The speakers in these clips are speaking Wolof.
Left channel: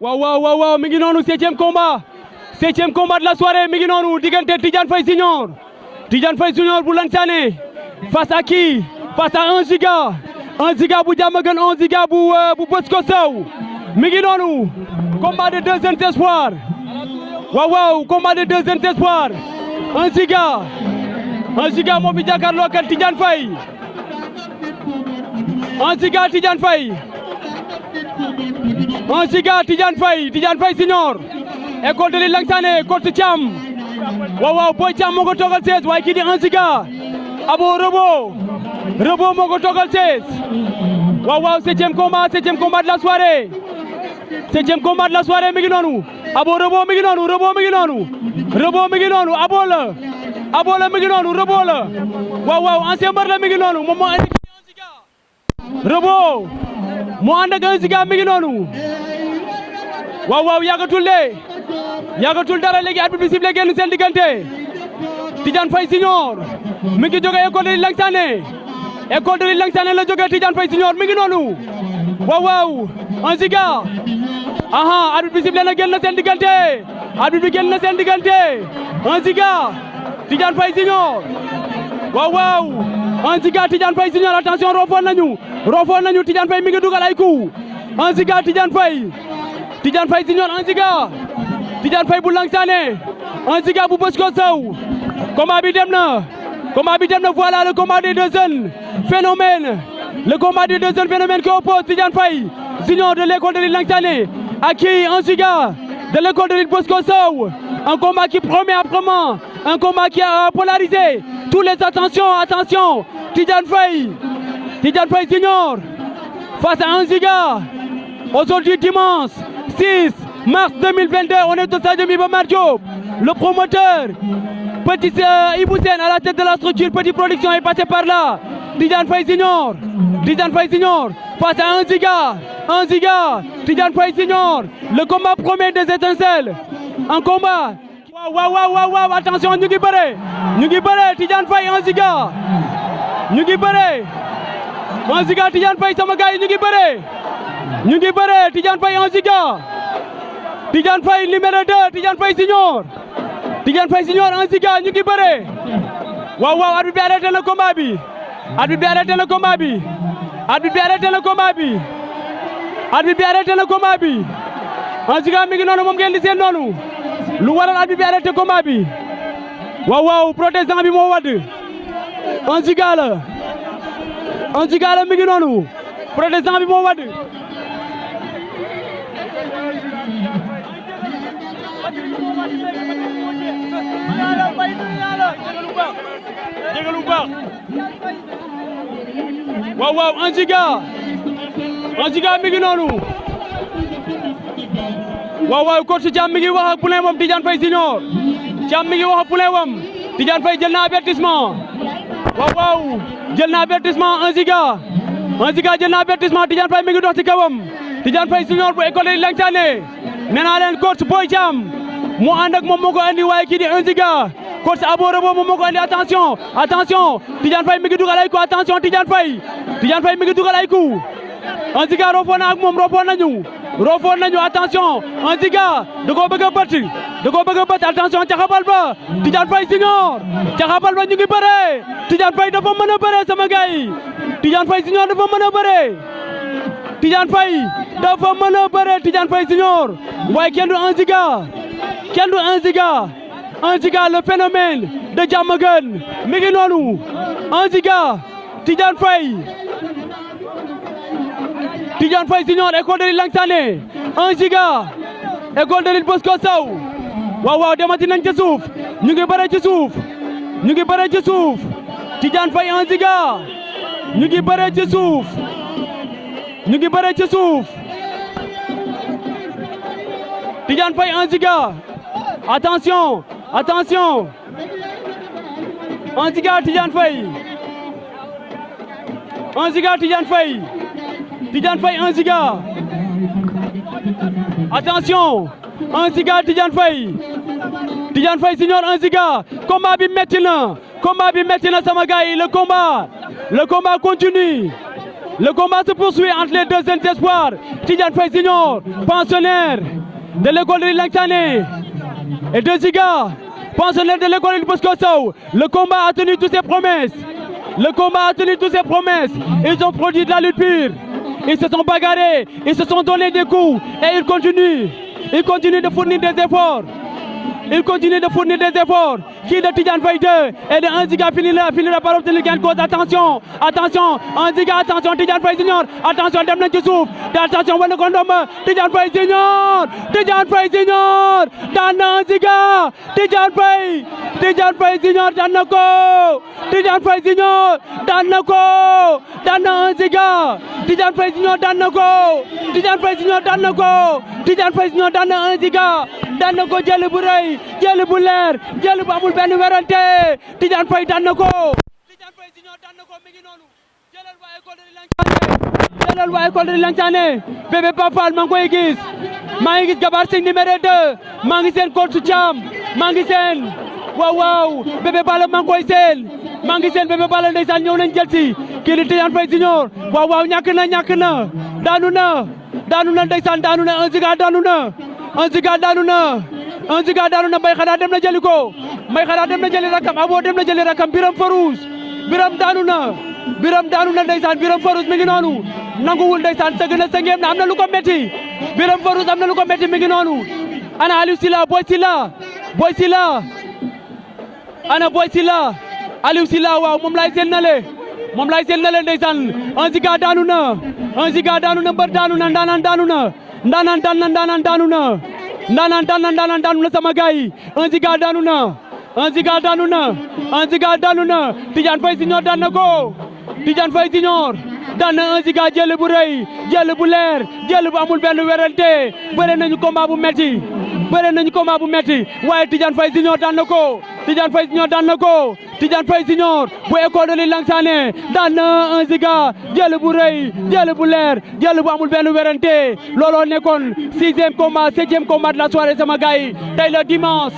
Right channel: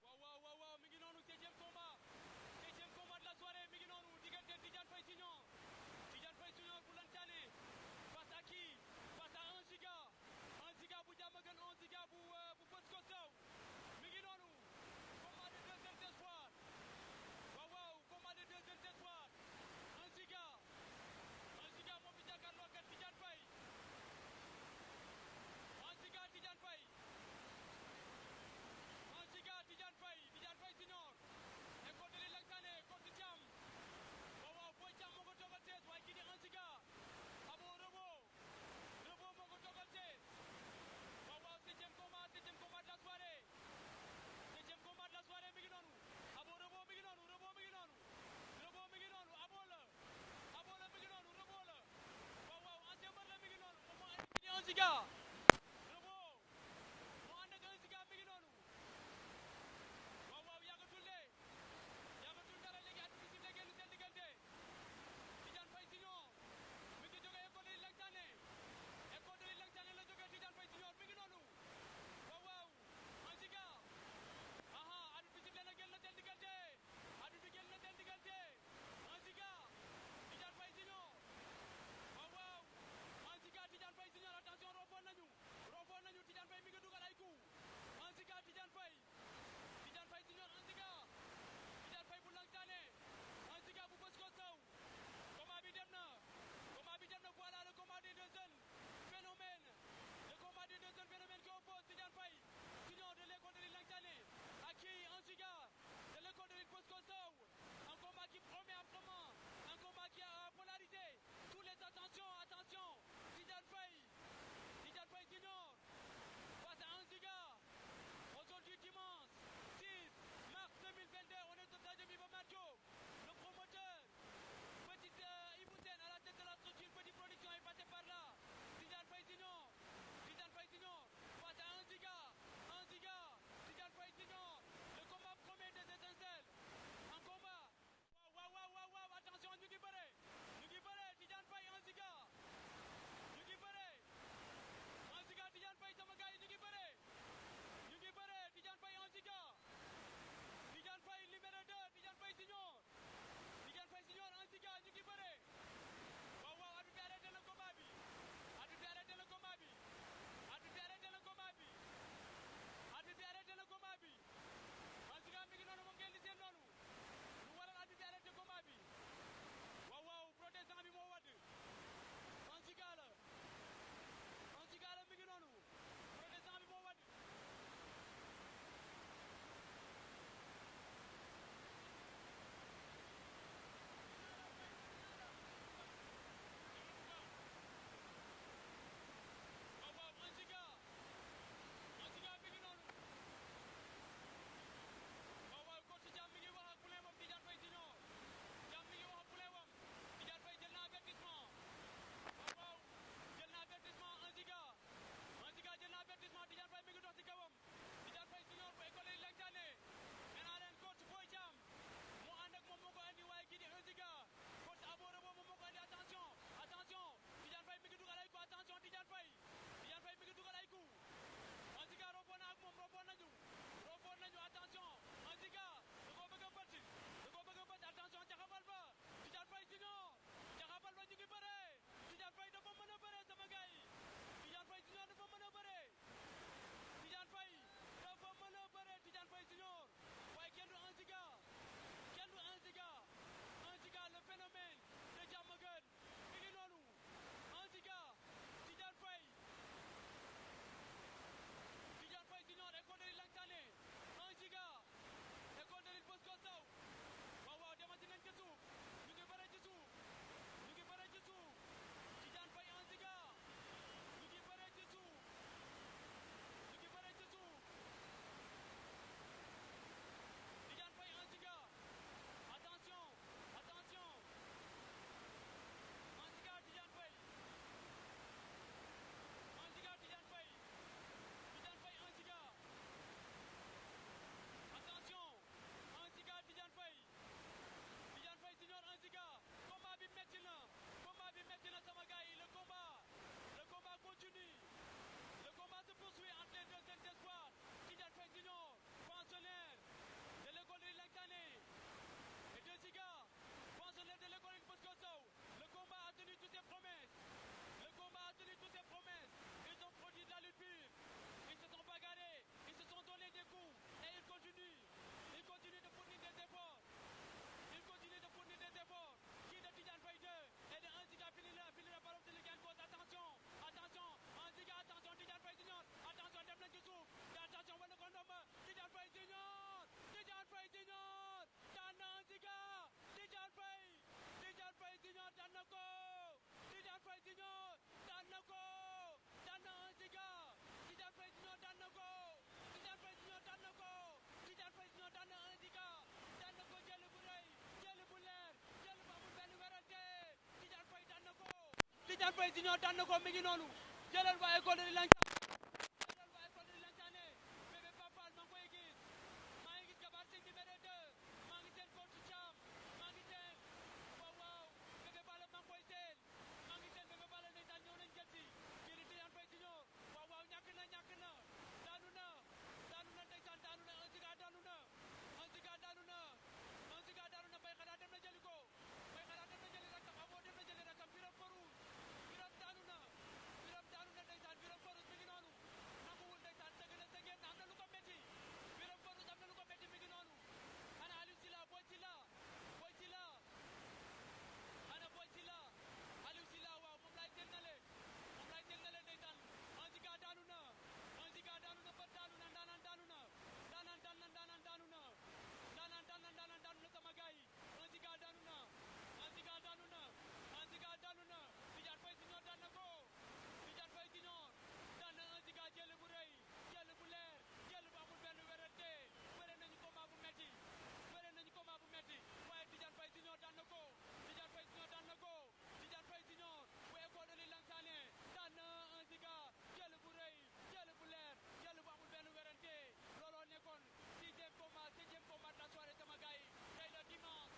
waaw mi ngi noonu septième combat de la soirée mi ngi noonu diggante Tidiane Faye Junior bu Lansane face à qui? Face à 1 Giga bu Diamaguène 1 Giga bu Bosco Sow mi ngi noonu combat de deux jeunes espoirs waaw combat de deux jeunes espoirs 1 Giga moo fi jàkkaarloo ak Tidiane Faye 1 Giga Tidiane Faye 1 Giga Tidiane Faye Junior école de Lansane coach Thiam waaw Boy Thiam moo ko toogal 16 waaye kii di 1 Giga abo Rebo moo ko toogal 16 waaw septième combat de la soirée mi ngi noonu abo Rebo mi ngi noonu abo la mi ngi noonu Rebo la waaw ancien mbër la mi ngi noonu moom moo andi Rebo moo ànd ak 1 Giga mi ngi noonu waaw yàggatul dara léegi arbitre bi sifflé génn seen diggante Tidiane Faye Junior mi ngi jóge école de Lansane la jóge Tidiane Faye Junior mi ngi noonu waaw 1 Giga arbitre bi sifflé na génn seen diggante 1 Giga Tidiane Faye Junior waaw 1 Giga Tidiane Faye Junior attention roofoon nañu Tidiane Faye mi ngi dugal ay coup 1 Giga Tidiane Faye Junior 1 Giga Tidiane Faye bu Lansane 1 Giga bu Bosco Sow combat bi dem na voilà le combat des deux jeunes phénomènes qui oppose Tidiane Faye Junior de l'école de Lansane à qui 1 Giga de l'école de Bosco Sow, un combat qui promet âprement, un combat qui a polarisé tous les attention Tidiane Faye Junior face à 1 Giga aujourd'hui dimanche 6 mars 2022, on est au stade de Iba Mar Diop. Le promoteur, Petit Ibou Sène à la tête de la structure Petit Production est passé par là. Tidiane Faye Junior face à 1 Giga, Tidiane Faye Junior. Le combat promet des étincelles. Un combat. Waaw, attention, ñu ngi bëre Tidiane Faye 1 Giga. Ñu ngi bëre 1 Giga Tidiane Faye sama gars yi ñu ngi bëre Tidiane Faye 1 Giga. Tidiane Faye numéro 2 Tidiane Faye Junior 1 Giga ñu ngi bëre waaw arbitre bi arrêté le combat bi arbitre bi arrêté le combat bi 1 Giga mi ngi noonu moom ngeen di seen noonu lu waral arbitre bi arrêté combat bi waaw protestant bi moo wadd 1 Giga la mi ngi noonu protestant bi moo wadd jégalu baax waaw 1 Giga mi ngi noonu waaw coach Thiam mi ngi wax ak poulain wam Tidiane Faye Junior Tidiane Faye jël na avertissement waaw jël na avertissement 1 Giga jël na avertissement Tidiane Faye mi ngi dox ci kawam Tidiane Faye Junior bu école de Lansane nee naa leen coach Boy Thiam mu ànd ak moom moo ko andi waaye kii di 1 Giga coach Abo Rebo moom moo ko andi attention Tidiane Faye mi ngi dugal ay coup attention Tidiane Faye mi ngi dugal ay coup 1 Giga roofoon na ak moom roofoon nañu attention 1 Giga da koo bëgg a bët attention caxabal ba Tidiane Faye Junior caxabal ba ñu ngi bëre Tidiane Faye dafa mën a bëre sama gars yi Tidiane Faye Junior dafa mën a bëre Tidiane Faye Junior waaye kenn du 1 Giga le phénomène de Diamaguène mi ngi noonu 1 Giga Tidiane Faye Junior école de Lansane 1 Giga école de Bosco Sow waaw demati nañ ci suuf ñu ngi bëre ci suuf Tidiane Faye 1 Giga ñu ngi bëre ci suuf Tidiane Faye 1 Giga attention 1 Giga Tidiane Faye 1 Giga Tidiane Faye 1 Giga attention 1 Giga Tidiane Faye Junior 1 Giga combat bi metti na sama gars yi le combat continue Le combat se poursuit entre les deux jeunes espoirs. Tidiane Faye Junior, pensionnaire de l'école de Langsane, et 2 Giga, pensionnaire de l'école de Bosco Sow. Le combat a tenu toutes ses promesses. Le combat a tenu toutes ses promesses. Ils ont produit de la lutte pure. Ils se sont bagarrés, ils se sont donné des coups et ils continuent. Ils continuent de fournir des efforts. Il continue de fournir des efforts. Qui de Tidiane Faye 2 et de 1 Giga finira par obtenir gain de cause. Attention, attention, 1 Giga, attention, Tidiane Faye Junior, attention, dem nañ ci suuf, attention, wane ko ndomba, Tidiane Faye Junior, Tidiane Faye Junior, daan na 1 Giga, Tidiane Faye Junior daan na ko, Tidiane Faye Junior daan na ko, daan na 1 Giga, Tidiane Faye Junior daan na ko, Tidiane Faye Junior daan na ko, Tidiane Faye Junior daan na 1 Giga, daan na ko jël bu rëy, jël bu leer, jël bu amul benn werante, Tidiane Faye daan na ko. jëlal waa école de Langsane, bébé Papal maa ngi koy gis, maa ngi gis Gabar Singh numéro 2, maa ngi seen coach Thiam, maa ngi seen waaw bébé Balla maa ngi koy seen, maa ngi seen bébé Balla ndeysaan ñëw nañ jël si kii di Tidiane Faye Junior, waaw ñàkk na, daanu na ndeysaan, daanu na 1 Giga, daanu na 1 Giga, daanu na 1 Giga, daanu na. Mbay xanaa dem na jëli ko, Mbay xanaa dem na jëli rakam, Abo dem na jëli rakam, Biram Farouche, Biram daanu na ndeysaan, Biram Farouche mi ngi noonu nanguwul ndeysaan, sëgg na sëngeem na, am na lu ko metti, Biram Farouche am na lu ko metti, mi ngi noonu. Ana Aliou Silla, Boy Silla ana Boy Silla, Aliou Silla, waaw moom lay seen nale ndeysaan. 1 Giga daanu na, 1 Giga daanu na, mbër daanu na, ndaanaan daanu na, ndaanaan daanu na sama gaay yi. 1 Giga daanu na, 1 Giga daanu na, 1 Giga daanu na. Tidiane Faye Junior daan na ko, Tidiane Faye Junior daan na 1 Giga, jël bu rëy, jël bu leer, jël bu amul benn werante. Bëre nañu combat bu metti, waaye Tidiane Faye Junior daan na ko, Tidiane Faye Junior daan na ko, Tidiane Faye Junior bu école de Langsane daan na 1 Giga, jël bu rëy, jël bu leer, jël bu amul benn werante. Looloo nekkoon 6e combat, 7e combat de la soirée sama gars yi. Tey le dimanche,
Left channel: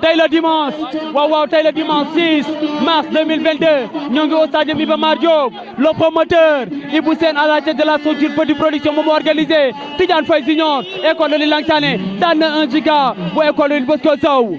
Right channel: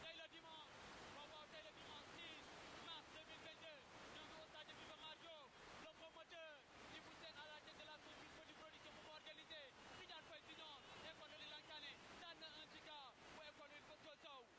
tey le dimanche 6 mars 2022 ñoo ngi au stade Iba Mar Diop. Le promoteur Ibou Sène à la tête de la structure Petit Production moom moo organisé. Tidiane Faye Junior école de Langsane daan na 1 Giga bu école de Bosco Sow.